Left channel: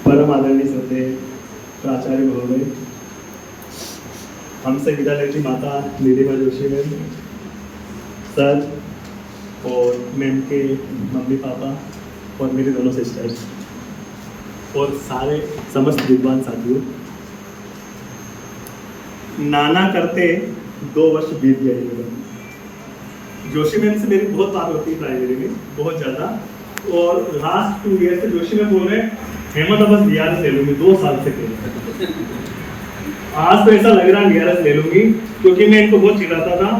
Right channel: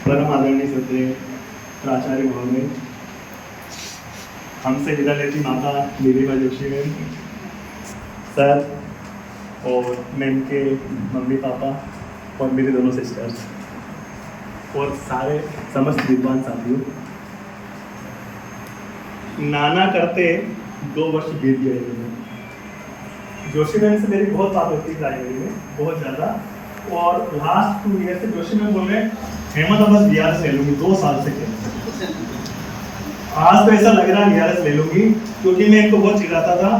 परम आदरणीय सत्य प्राचार्य महोदय, हमसे विद्यालय की माता निधिमा जोशी मैम, सर और मैम के मम्मी पापा और मेरे दोनों सिस्टर्स और सारे समस्त विद्वान साथियों, नाना करते 2 वर्ष बीत गए मेरे। जोशी मैम से मेरी बहुत बात होती है प्राइमरी में, बहुत ज़्यादा, और लास्ट 2 ईयर से जोशी मैम बोल रहे हैं हेमंत बस DRS ले लूँगी, 2 साल से खेल। आज तो ऐसा लग रहा है DRS ले लूँगी, क्योंकि मैं इनको बहुत चिढ़ाता था।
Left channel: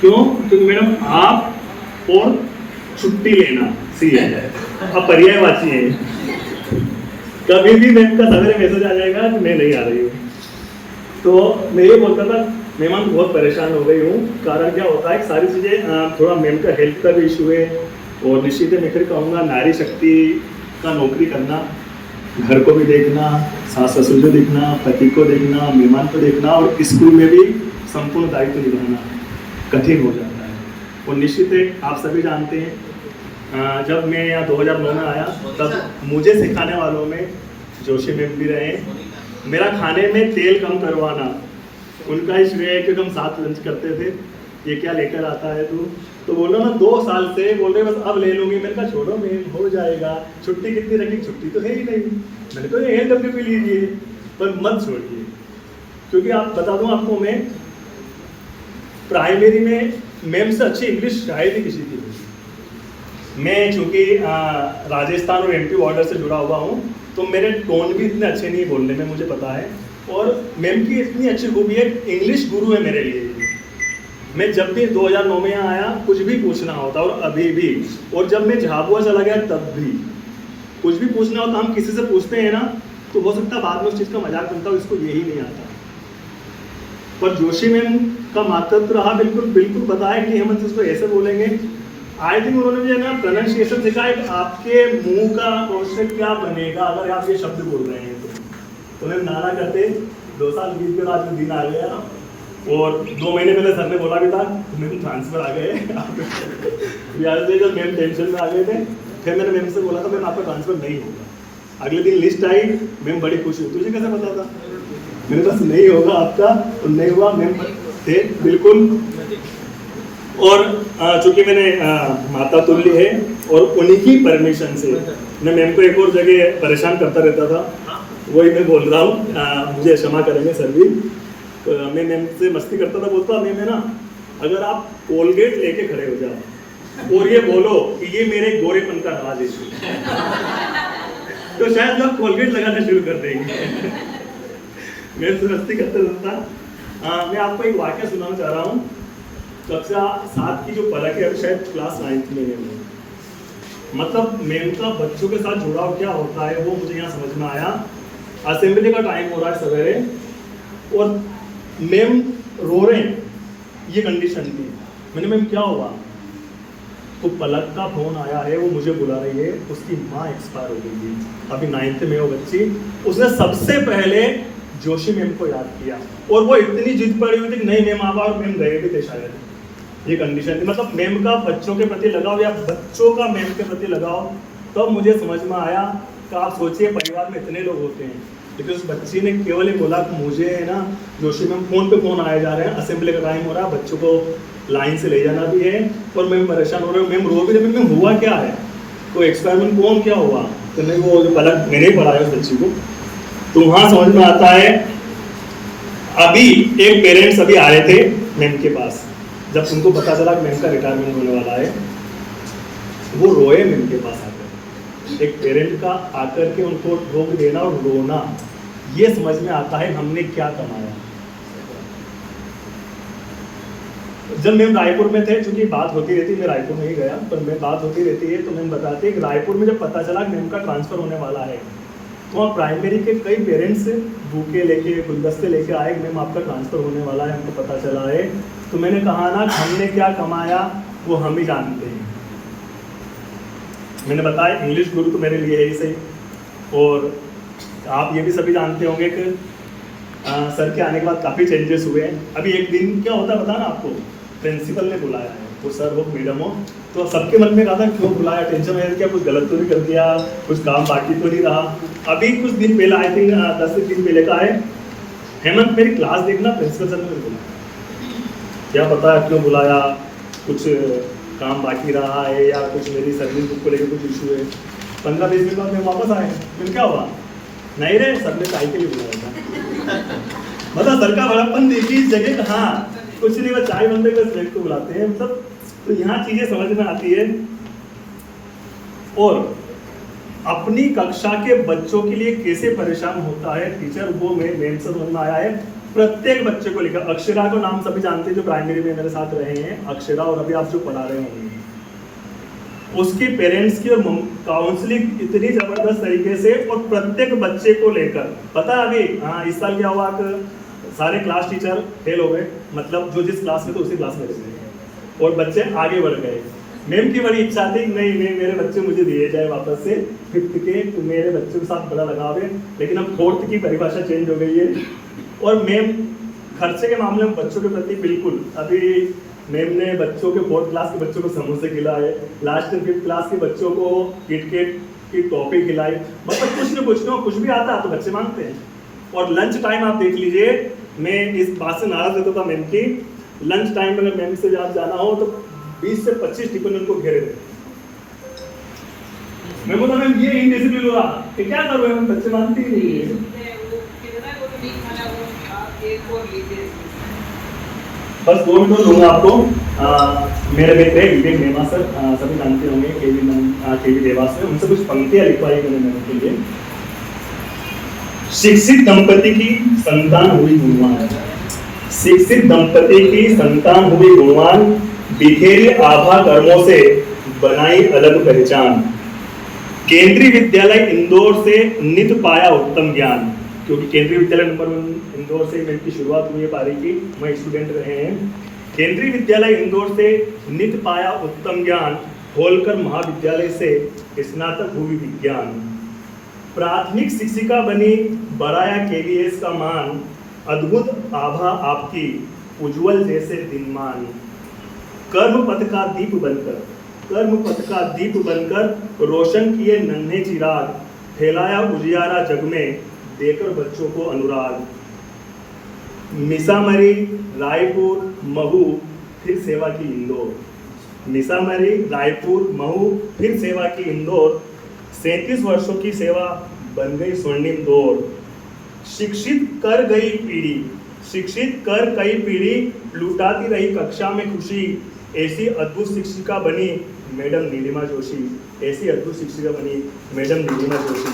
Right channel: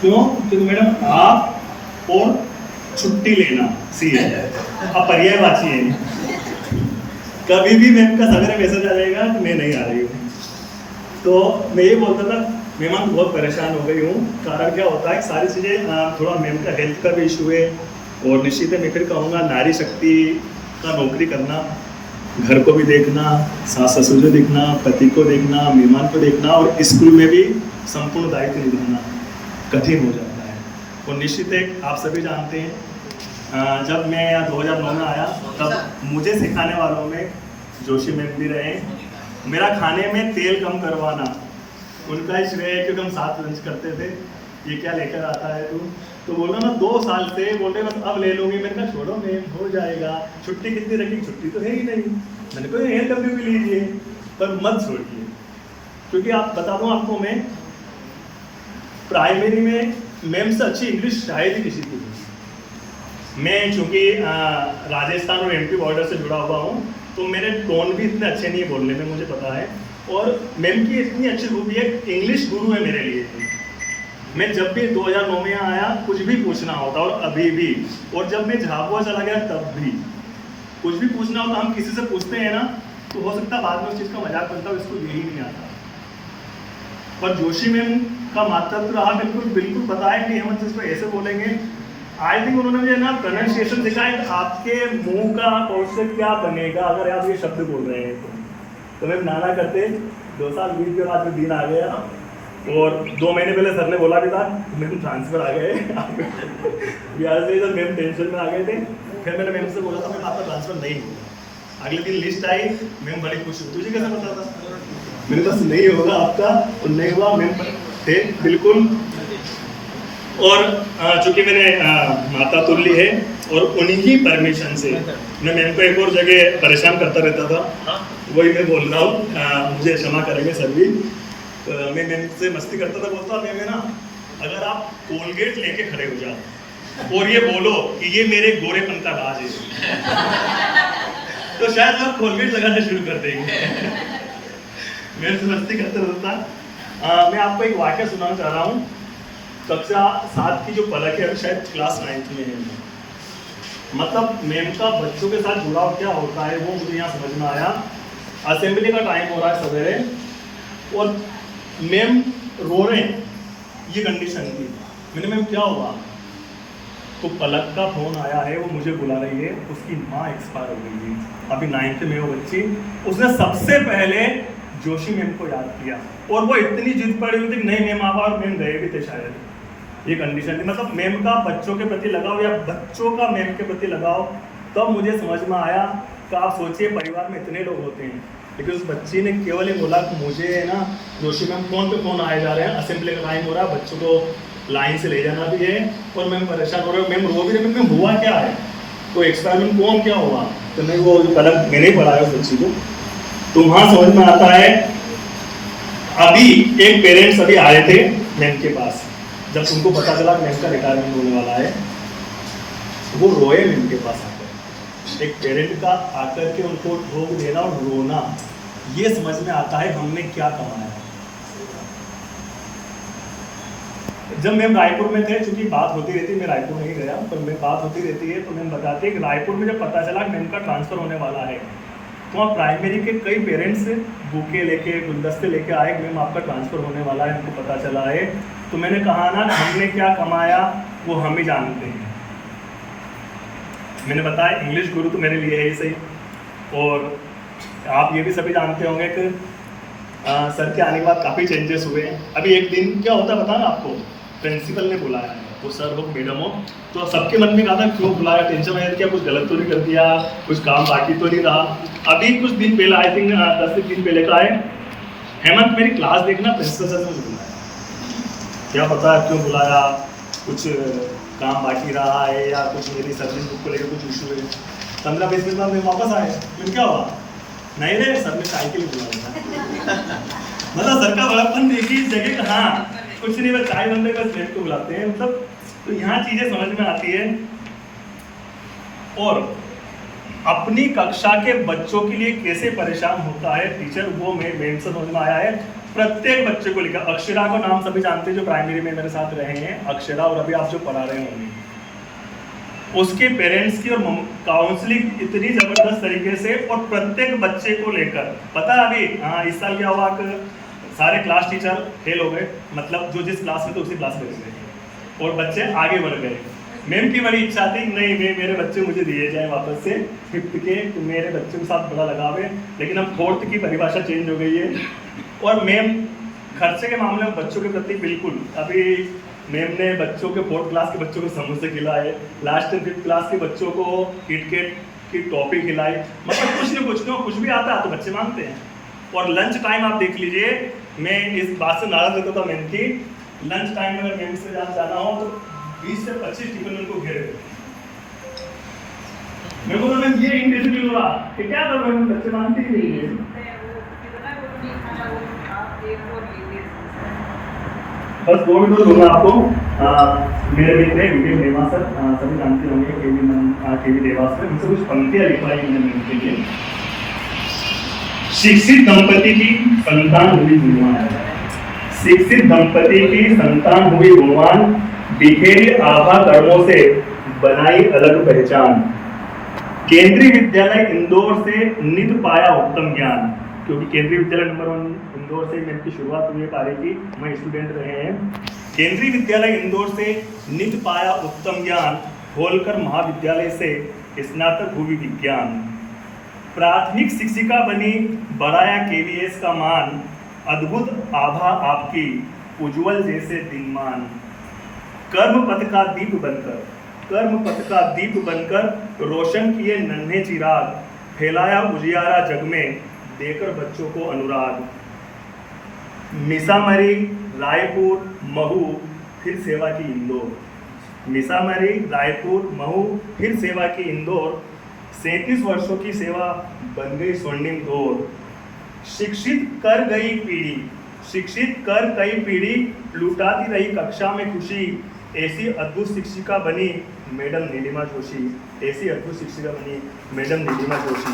क्यों? क्योंकि मैडम आप और छुट्टी लेना सी है, अब पर्यायवाची है। कभी भी मैम का सवेरे मैसेज आ जाएगा कि मैं नहीं आ रही हूँ, तो मैं ये बोलता था मेहमान बहुत परेशान हो गई हूँ। कारण क्या होता है, सारी चीज़ें थोड़ा मैम का हेल्थ का भी इशू है, और निश्चित मैं फिर कहूँगा नारी शक्ति का नौकरी करना, घर को भी देखना, सास ससुर को देखना, पति को देखना, मेहमान को देखना, और स्कूल में भी संपूर्ण दायित्व निभाना कठिन हो जाता है। और निश्चित है आप सभी जानते हैं, जब मैं यहाँ 2009 में आया तब मुझे सिखाने वालों में जोशी मैम भी रहे। मेरा खाने में तेल कम करवाना उनका ही श्रेय है, क्योंकि हम साथ लंच करते थे। ये क्या लेकर आता है तू, तो बोल रहा ना 2 साल से बोल रहे बस अब ले लूँगी। मैंने कहा छोड़ो मैम, हो जाएगा। छुट्टी कितनी रखी, छुट्टी तो है ही नहीं। मैंने कहा ALW भी लीजिए, पर मत छोड़िए, क्योंकि आप बता दूँ आपको, मैं प्राइमरी में मैम से अच्छी इंग्लिश शायद ही किसी की नहीं। मैं चूँकि राजस्थान और MP बॉर्डर से जुड़ा हुआ हूँ, तो मेरे टोन भी इतने अच्छे नहीं है बोलने में, मुझे पता है। और मैम की इतनी अच्छी खूबी है, इंग्लिश गुरु है मेरे लिए। मैं जब भी 2009 में यहाँ आया, कुछ भी पूछना होता, और अभी भी, और जब मैं झाबुआ चला गया तब भी कुछ भी पूछना होता, हम किसी से पूछते हैं ना, तो हो सकता है बाद में उस चीज़ का मजाक बनता हो, इसको यही नहीं आता। पर जोशी मैम का मातृत्व रहा, बिल्कुल बिल्कुल बताया कि हेमंत इसको ऐसे बोलेंगे। आई थिंक उन्होंने मुझे ना प्रोनाउंसिएशन सिखाया कि आपके मुंह का और से क्या बनेगा अगर आप ये शब्द बोल रहे हैं। तो मैम नाना करते 2 साल बीत गए, आज में दिन आ गया, और 2 महीने पहले सर ने बोला भी था मैम ट्रांसफ़र आ गए। बिहार से जब मैम टेंशन में आ गए थे, फिर मैंने मैम से बोला था मैम आपका ट्रांसफ़र नहीं होगा। अगले दिन लिस्ट आई, मैम बड़ी खुश हुई। तुझे कैसे पता था? मैंने कहा नहीं होगा आपका, तो नहीं हुआ। मैम थे बिल्कुल, और चूँकि मैंने माता तुल्य है, और उन्हीं की परमिशन से मैं मैम को एक और जगह परेशान करता रहता था, वही मैं बोल रहा हूँ, मुझे क्षमा करेंगे सर भी। तो मैं मैम से मस्ती करता था, बोलता मैम है ना, अगर आप कोलगेट लेके खड़े हो जाओ और ये बोलो कि ये मेरे गोरेपन का राज है, तो शायद लोग कोलगेट लगाना शुरू कर देंगे। मेरे से मस्ती करते रहता। मैं आपको एक वाक्य सुनाना चाह रहा हूँ। कक्षा 7 की जो पलक है, शायद क्लास 9th में है। मतलब मैम का बच्चों के साथ जुड़ाव क्या होता है वो मुझे यहाँ समझ में आया। असेंबली का टाइम हो रहा है सवेरे, और मैम रो रहे हैं, ये कंडीशन थी। मैंने मैम क्या हुआ, तो पलक का फोन आया है, वो मुझे बुला रही है, उसकी माँ एक्सपायर हो गई थी, अभी 9th में वो बच्ची। उसने सबसे पहले जोशी मैम को याद किया, और वो इतनी जिद पड़ी हुई थी नहीं मैम आप, और मैम गए भी थे शायद। ये कंडीशन थी, मतलब मैम का बच्चों के प्रति लगाव या बच्चों का मैम के प्रति लगाव। तब मुझे समझ में आया कि आप सोचिए परिवार में इतने लोग होते हैं, लेकिन उस बच्ची ने केवल ही बोला कि मुझे है ना जोशी मैम फ़ोन पे फ़ोन आए जा रहे हैं, असेंबली का टाइम हो रहा है, बच्चों को लाइन से ले जाना भी है, और मैम परेशान हो रहे हो। मैम रो भी रही, मैम हुआ क्या है, तो एक्सपेरिमेंट कौन क्या हुआ, तो नहीं वो पलक मैंने ही पढ़ाया उस बच्ची को। तो वहाँ समझ में आता है। अभी एक पेरेंट्स अभी आए थे मैम के पास, जब उनको पता चला कि मैम का रिटायरमेंट होने वाला है, वो रोए मैम के पास आकर। एक पेरेंट का आकर के उनको ठोक देना और रोना, ये समझ में आता है हमने क्या कमाया। जब मैम रायपुर में थे, चूंकि बात होती रहती, मैं रायपुर नहीं गया, पर मैं बात होती रहती है, तो मैम बताते हैं कि रायपुर में जब पता चला कि मैम का ट्रांसफ़र होने वाला है, तो वहाँ प्राइमरी के कई पेरेंट्स बुके लेके गुलदस्ते लेके आए, मैम आपका ट्रांसफ़र होने वाला है, हमको पता चला है। तो मैंने कहा ना हमने क्या कमाया वो हम ही जानते हैं। मैंने बताया इंग्लिश गुरु तो मेरे लिए है ही सही, और आप ये भी सभी जानते होंगे कि सर के आने के बाद काफ़ी चेंजेस हुए हैं। अभी एक दिन क्या होता है पता ना आपको, प्रिंसिपल ने बुलाया है वो सर हो मैडम हो, तो सबके मन में कहा था क्यों बुलाया, टेंशन में क्या कुछ गलत तो नहीं कर दिया, कुछ काम बाकी तो नहीं रहा। अभी कुछ दिन पहले आई थिंक 10 दिन पहले का है, हेमंत मेरी क्लास देखना प्रिंसिपल सर ने मुझे बुलाया, क्या पता क्यों बुलाया, कुछ काम बाकी रहा है या कुछ मेरी सर्विस बुक को लेकर कुछ इशू है। 15-20 मिनट बाद मैं वापस आया, क्यों क्या हुआ, नहीं रे सर ने साइकिल बुलाया। मतलब सर का बड़ापन देखिए इस जगह कहाँ, कुछ नहीं बस चाय बनने बस फ्रेंड को बुलाते हैं, मतलब तो यहाँ चीजें समझ में आती है। और अपनी कक्षा के बच्चों के लिए कैसे परेशान होता है टीचर, वो मेम से समझ में आया है। प्रत्येक बच्चे को लेकर, अक्षरा का नाम सभी जानते हैं जो प्राइमरी में मेरे साथ रहे हैं, अक्षरा, और अभी आप जो पढ़ा रहे होंगे, उसके पेरेंट्स की और काउंसलिंग इतनी जबरदस्त तरीके से, और प्रत्येक बच्चे को लेकर पता है अभी हाँ इस साल क्या हुआ कि सारे क्लास टीचर फेल हो गए, मतलब जो जिस क्लास में थे उसी क्लास में रह गए और बच्चे आगे बढ़ गए। मैम की बड़ी इच्छा थी नहीं मेरे बच्चे मुझे दिए जाए वापस से 5th के, तो मेरे बच्चों के साथ बड़ा लगाव है, लेकिन अब 4th की परिभाषा चेंज हो गई है। और मैम खर्चे के मामले में बच्चों के प्रति बिल्कुल, अभी मैम ने बच्चों के 4th क्लास के बच्चों को समोसे खिलाए, लास्ट 5th क्लास के बच्चों को किटकेट की टॉफी खिलाई, मतलब कुछ न कुछ भी आता है तो बच्चे मांगते हैं। और लंच टाइम आप देख लीजिए, मैं इस बात से नाराज रहता था मैम की, लंच टाइम में अगर मैम से जाना हो तो 20 से 25 टिफिन उनको घेरे थे। मैं बोला मैम ये इनडिसिप्लिन हो रहा कि क्या करूँ, हम बच्चे मानते ही नहीं है। बस 2 मिनट दूंगा आपको। मेरे मित्र विवेक देवा सर, सभी जानते होंगे केवी देवास से, उनसे कुछ पंक्तियां लिखवाई मैंने मैम के लिए। शिक्षित दंपति की संतान हुई गुणवान, शिक्षित दंपति की संतान हुई गुणवान, बिखेरे आभा कर्मों से बनाई अलग पहचान। केंद्रीय विद्यालय इंदौर से नित पाया उत्तम ज्ञान, क्योंकि केंद्रीय विद्यालय नंबर 1 इंदौर से मेरी शुरुआत हुई है पारी की, मैं स्टूडेंट रहे हैं। केंद्रीय विद्यालय इंदौर से नित पाया उत्तम ज्ञान, होलकर महाविद्यालय से स्नातक हुई विज्ञान। प्राथमिक शिक्षिका बनी, बढ़ाया केवीएस का मान, अद्भुत आभा आपकी, उज्जवल जैसे दिनमान। कर्म पथ का दीप बनकर रोशन किए नन्हे चिराग, फैलाया उजियारा जग में, देकर बच्चों को अनुराग। मिसामरी, रायपुर, महू, फिर सेवा की इंदौर। मिसामरी, रायपुर, महू, फिर सेवा की इंदौर। 37 वर्षों की सेवा, बन गई स्वर्णिम दौर। शिक्षित कर कई पीढ़ी, लुटाती रही कक्षा में खुशी। ऐसी अद्भुत शिक्षिका बनी मैडम नीलिमा जोशी, ऐसी अद्भुत शिक्षिका बनी मैडम नीलिमा जोशी।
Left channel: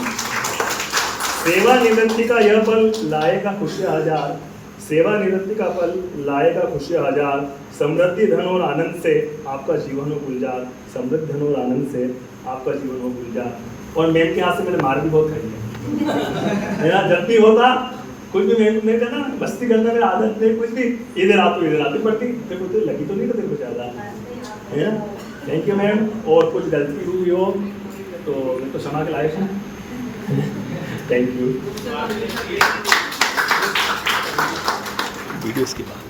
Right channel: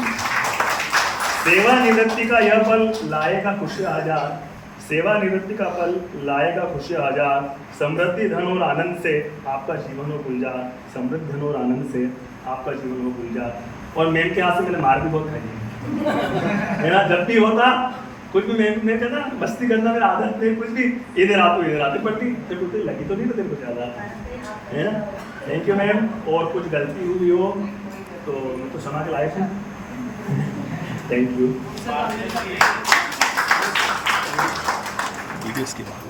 सेवानिवृत्ति का यह पल लाएगा खुशियाँ हजार, सेवानिवृत्ति का पल लाएगा खुशियाँ हजार। समृद्धि धन और आनंद से आपका जीवन हो गुलजार, समृद्ध धन और आनंद से आपका जीवन हो गुलजार। और मैम के हाथ से मैंने मार भी बहुत खाई है मेरा जब भी होता कुछ भी मैं कहना मस्ती करना मेरा आदत नहीं, कुछ भी इधर आती पड़ती, तेरे को लगी तो नहीं ना तेरे को ज़्यादा, है ना। थैंक यू मैम, और कुछ गलती हुई हो तो उनको क्षमा के लायक है। Thank you. वीडियोस के बाद